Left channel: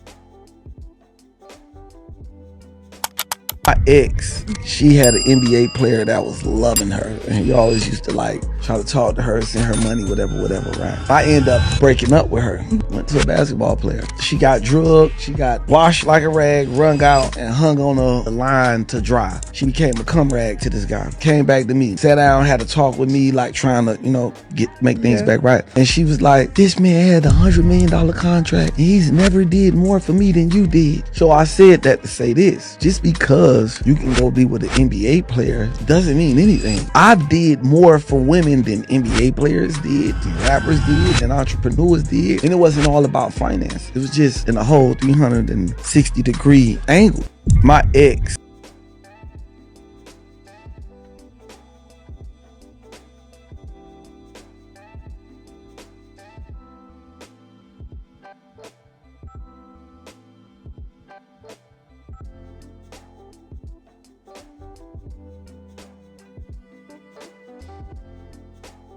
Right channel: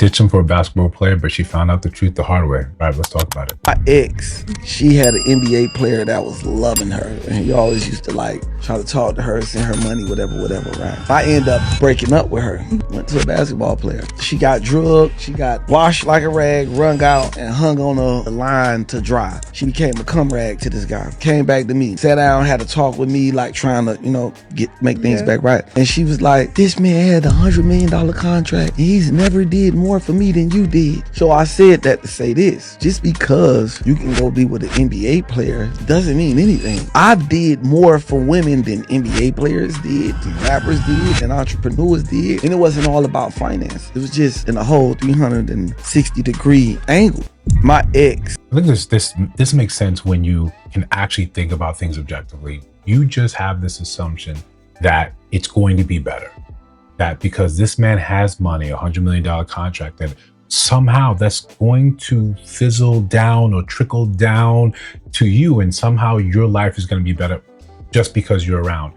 ditched him for a basketball player, but she found out the truth the hard way. Right, let's talk about it. My ex, she had an NBA player that was loving her, and he always used to like try to talk to her, send her money, whatever, right? I end up breaking up with her. Went to a basketball player. She got drugged, she got washed like a rag, wrung out, and hung on a line to dry. She became a cum rag to this guy. Came back to me, sat down, had a talk with me, like trying to, make things back right. And she was like, this man had $100 million contract, and he's never did more for me than you did. So I said that to say this. Just because you can go be with an NBA player doesn't mean anything. I did more for women than NBA players did, than rappers did, and entrepreneurs did. And it wasn't all about finance. It was just in a whole 360-degree angle. My ex. I think this makes sense when you can actually think about things objectively. You just have this assumption that it's going to be better. That because this man has money, $100 million contract, that somehow that's going to fizzle down or trickle down to you, and somehow your life is going to be better just because you're around.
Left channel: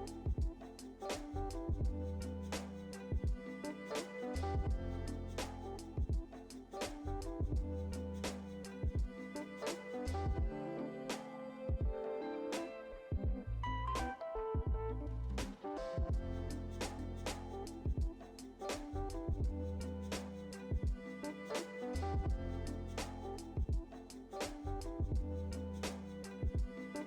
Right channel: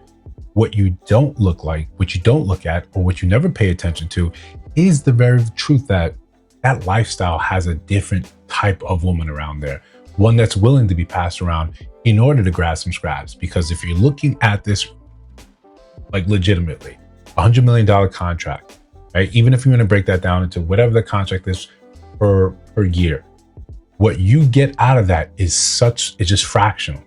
What you don't look like, what you don't look at, or what you never pay attention to is the very truth that that lifestyle has a different type of woman around there, one that's willing to be passed around in order to grab some scraps. Because if you're looking at this like legitimately, $100 million contract, right? Even if you want to break that down into whatever the contract is per year, what you get out of that is just fractional.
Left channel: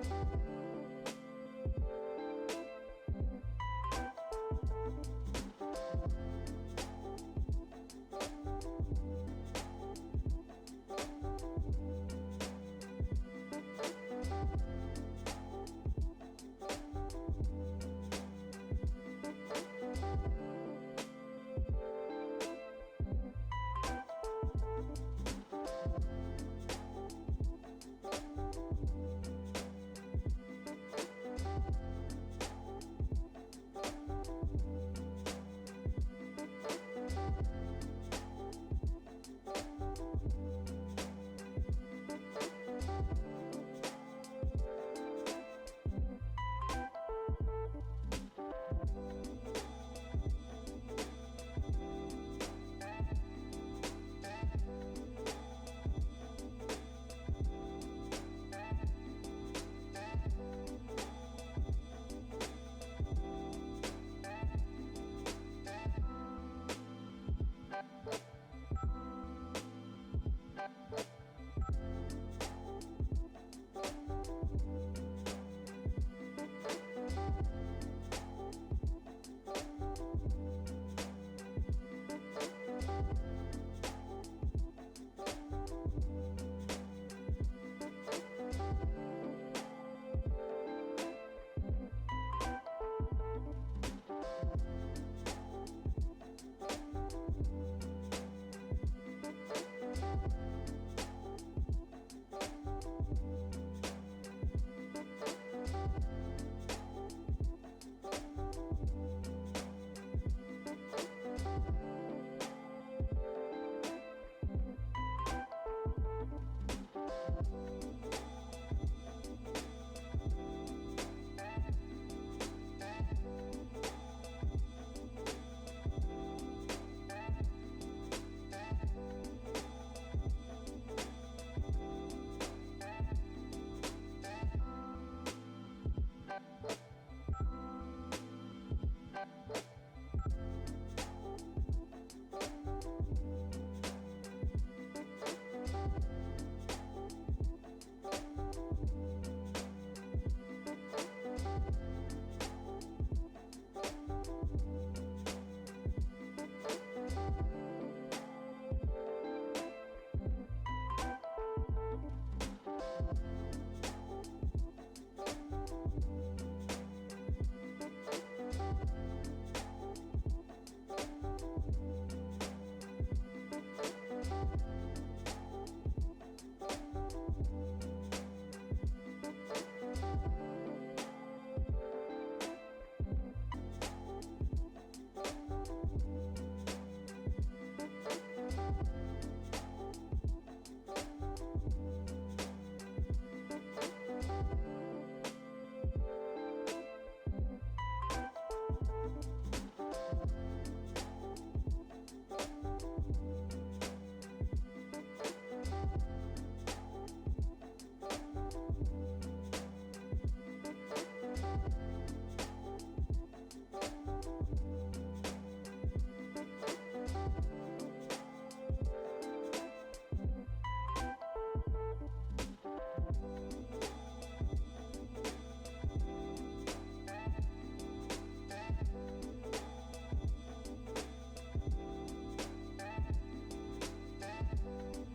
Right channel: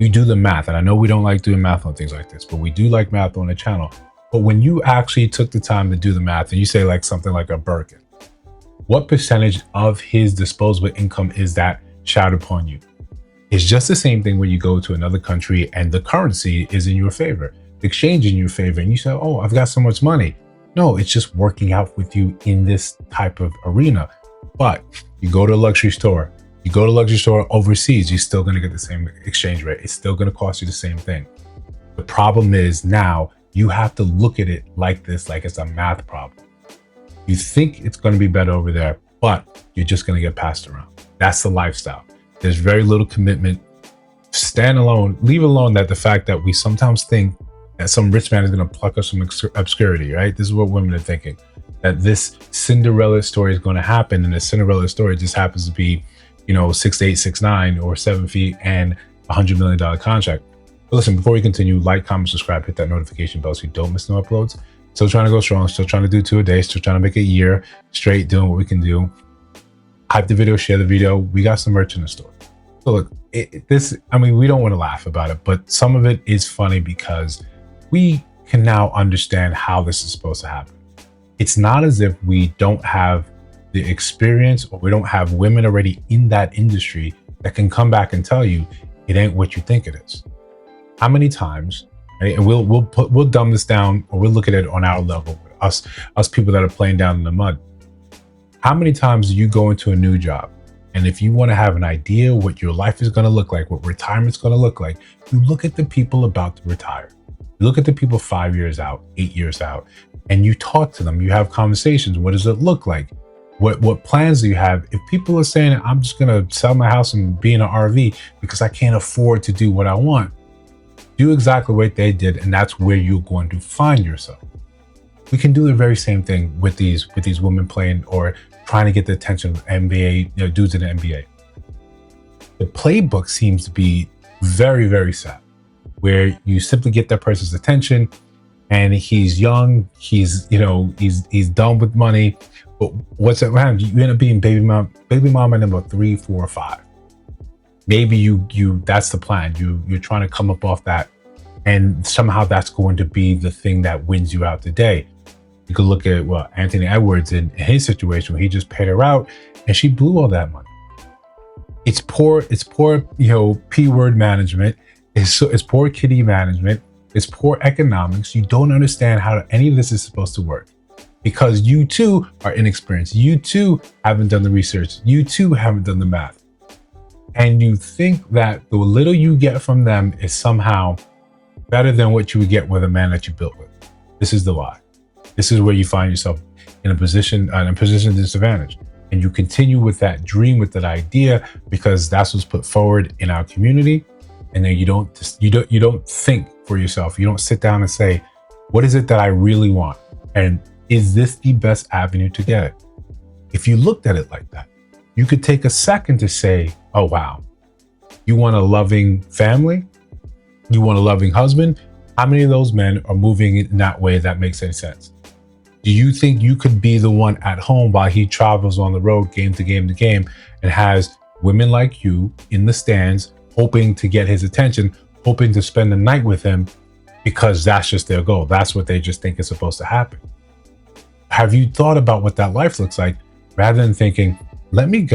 You do the math, and I know we don't like doing math on things like this, but we do like math on the channel. But when you actually took the time to do the math and you say like something like a Birkin, what percentage of his disposable income is that showered upon you? It's just the same thing when you go to another country and the currency is in your favor, the exchange in your favor, and you say, oh, I've got so much money. No, it's just working out with you in this type of arena. But you go to a luxury store, overseas, you're still going to get the same exchange rate. It's still going to cost you the same thing. The problem is now you have to look at it like this, like it's a math problem. You think it's going to be better over there, but you're just going to get passed around. That's the lifestyle. There's very little commitment. Stand alone, leave alone that the fact that we sometimes think that some rich man is going to pluck us from obscurity, right? This is what women are thinking, that this Cinderella story is going to happen, and the Cinderella story just happens to be, 6'8", 6'9", or 7 feet and $100 million contract. But listen, before we continue, like, comment, subscribe, hit that notification bell so you don't miss no uploads. Still trying to go strong, still trying to do 2 a day, still trying to make a year straight doing what we can do. Hype the video, share the video. We got some merch in the store. So look, we don't want to laugh about it, but some of it is funny because we can now understand how this is supposed to happen. It's not as if we don't have the experience or we don't have women already in that industry that can come back and tell you it ain't what you think it is. How many times, right? And we'll dumb this down, or we'll look at it on our level, us people that are playing down in the mud. How many times do you go into a new job, and if you want to have an idea what your life is going to look like, what retirement's going to look like, you look at the people about to retire. You look at the people 5 years out, 8 years out, and you talk to them. You have conversations. What does it look like? What plans do you have? If people are saying, I'm just going to sell my house and be in an RV because I can't afford to do what I want, do exactly what they did, and that's where you're going to find yourself. We can do the very same thing with these women playing or trying to get the attention of NBA, dudes in the NBA. The playbook seems to be very, very set, where you simply get that person's attention, and he's young, he's done with money, but what's that around? You end up being baby mama number 3, 4, or 5. Maybe you that's the plan. You're trying to come up off that, and somehow that's going to be the thing that wins you out today. You could look at Anthony Edwards in his situation where he just paid her out and she blew all that money. It's poor, P-word management. It's poor kitty management. It's poor economics. You don't understand how any of this is supposed to work because you too are inexperienced. You too haven't done the research. You too haven't done the math. And you think that the little you get from them is somehow better than what you would get with a man that you built with. This is the lie. This is where you find yourself in a position of disadvantage. And you continue with that dream, with that idea, because that's what's put forward in our community. And then you don't think for yourself. You don't sit down and say, what is it that I really want? And is this the best avenue to get it? If you looked at it like that, you could take a second to say, oh, wow, you want a loving family? You want a loving husband? How many of those men are moving in that way that makes any sense? Do you think you could be the one at home while he travels on the road, game to game to game, and has women like you in the stands, hoping to get his attention, hoping to spend the night with him because that's just their goal? That's what they just think is supposed to happen. Have you thought about what that life looks like rather than thinking, let me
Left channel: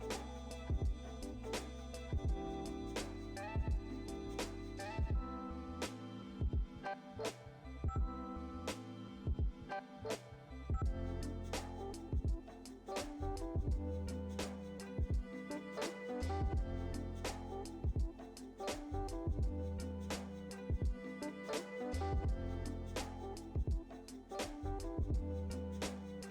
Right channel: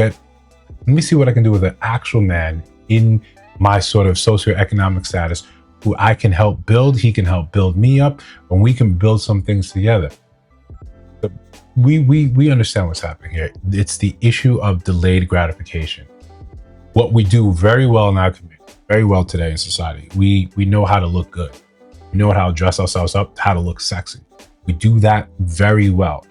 see what I can do with an actual man in my sort of socioeconomic status who I can help build, he can help build me up, and we can build some things together. We understand what's happening here. It's the issue of delayed gratification. What we do very well in our community, very well today in society, we know how to look good. We know how to dress ourselves up, how to look sexy. We do that very well.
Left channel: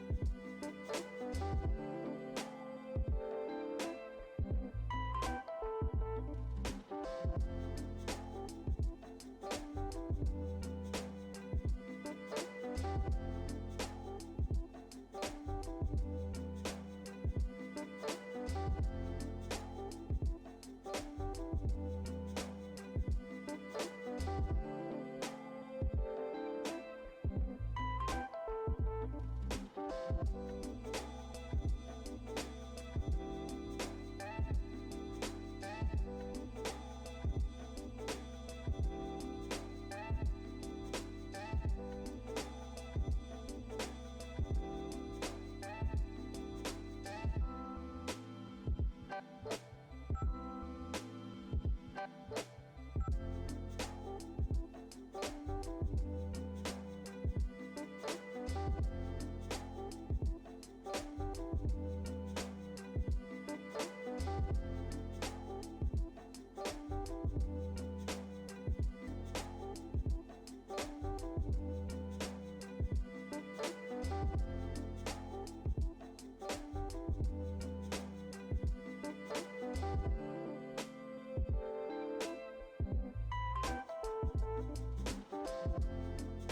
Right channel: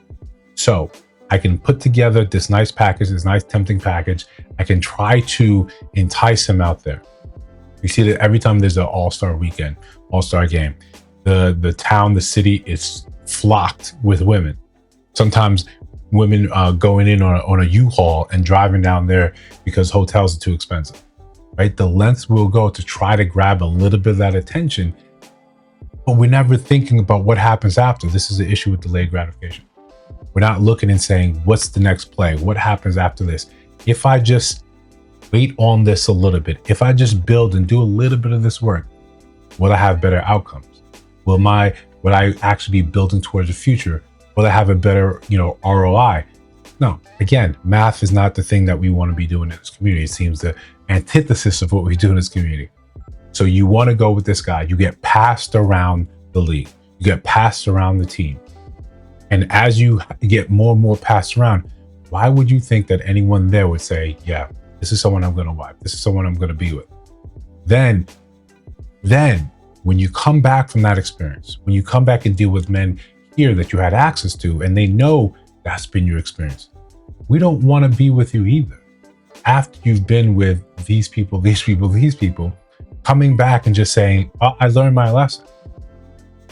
So I can put together this nice package, this nice tempting package. I can try to entice him out there. We see that every time there's an all-star weekend, all-star game, the town, the city is flocked with women. Sometimes women going in on a U-Haul and driving down there because hotels are too expensive, right? The lengths we'll go to try to grab a little bit of that attention, but we're never thinking about what happens after. This is the issue with delayed gratification. We're not looking and saying, what's the next play? What happens after this? If I just wait on this a little bit, if I just build and do a little bit of this work, will I have better outcomes? Will I actually be building towards the future? Will I have a better, ROI? No, again, math is not the thing that we want to be doing in this community. It seems the antithesis of what we do in this community. So you want to go with this guy. You get passed around the league. You get passed around the team. And as you get more and more passed around, why would you think that anyone there would say, yeah, this is someone I'm going to wife. This is someone I'm going to be with. Then when you come back from that experience, when you come back and deal with men here that you had access to, and they know that's been your experience, we don't want to be with you either. After you've been with these people, coming back and just saying, oh, I learned my lesson.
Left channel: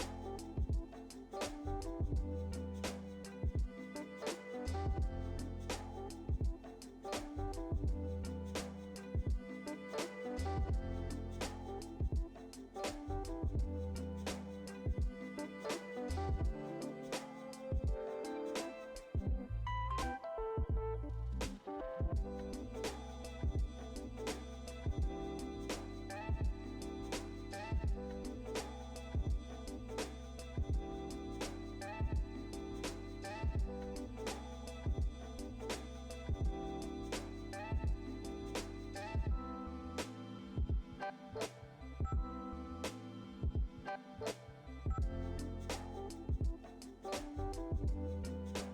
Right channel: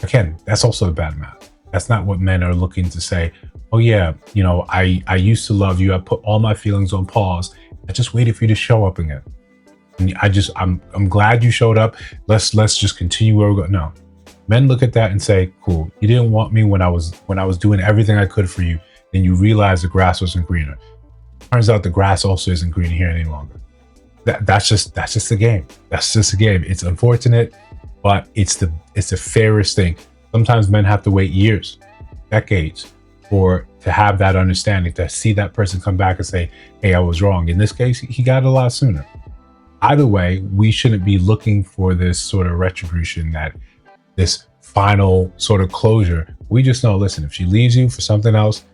Again, that's also a bad math. That's not what men are looking to say. Oh yeah, I used to love you. I put all my feelings on pause. I just waited for you to show up again. And I'm glad you showed up. Let's just continue where we're going. No. Men look at that and say, cool, you didn't want me when I was doing everything I could for you. Then you realize the grass wasn't greener. Turns out the grass also isn't green here any longer. That's just the game. That's just a game. It's unfortunate, but it's the fairest thing. Sometimes men have to wait years, decades, to have that understanding, to see that person come back and say, hey, I was wrong. In this case, he got it a lot sooner. Either way, we shouldn't be looking for this sort of retribution, this final sort of closure. We just know, listen, if she leaves you for something else,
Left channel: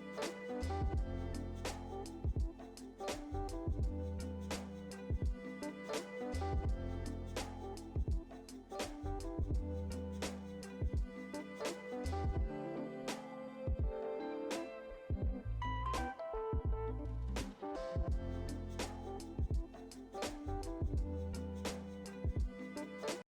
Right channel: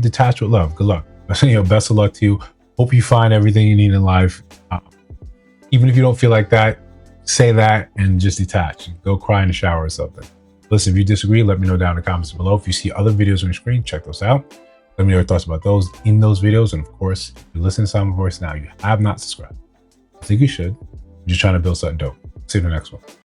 detach with love. Good luck. Best of luck to you. Hope you find everything you need in life. Even if you don't feel like that, say that and just detach. Go cry in the shower or something. Listen, if you disagree, let me know down in the comments below. If you see other videos on your screen, check those out. Let me know your thoughts about those in those videos. And of course, if you listen to Sound Voice now, you have not subscribed. I think you should. I'm just trying to build something dope. See you in the next one.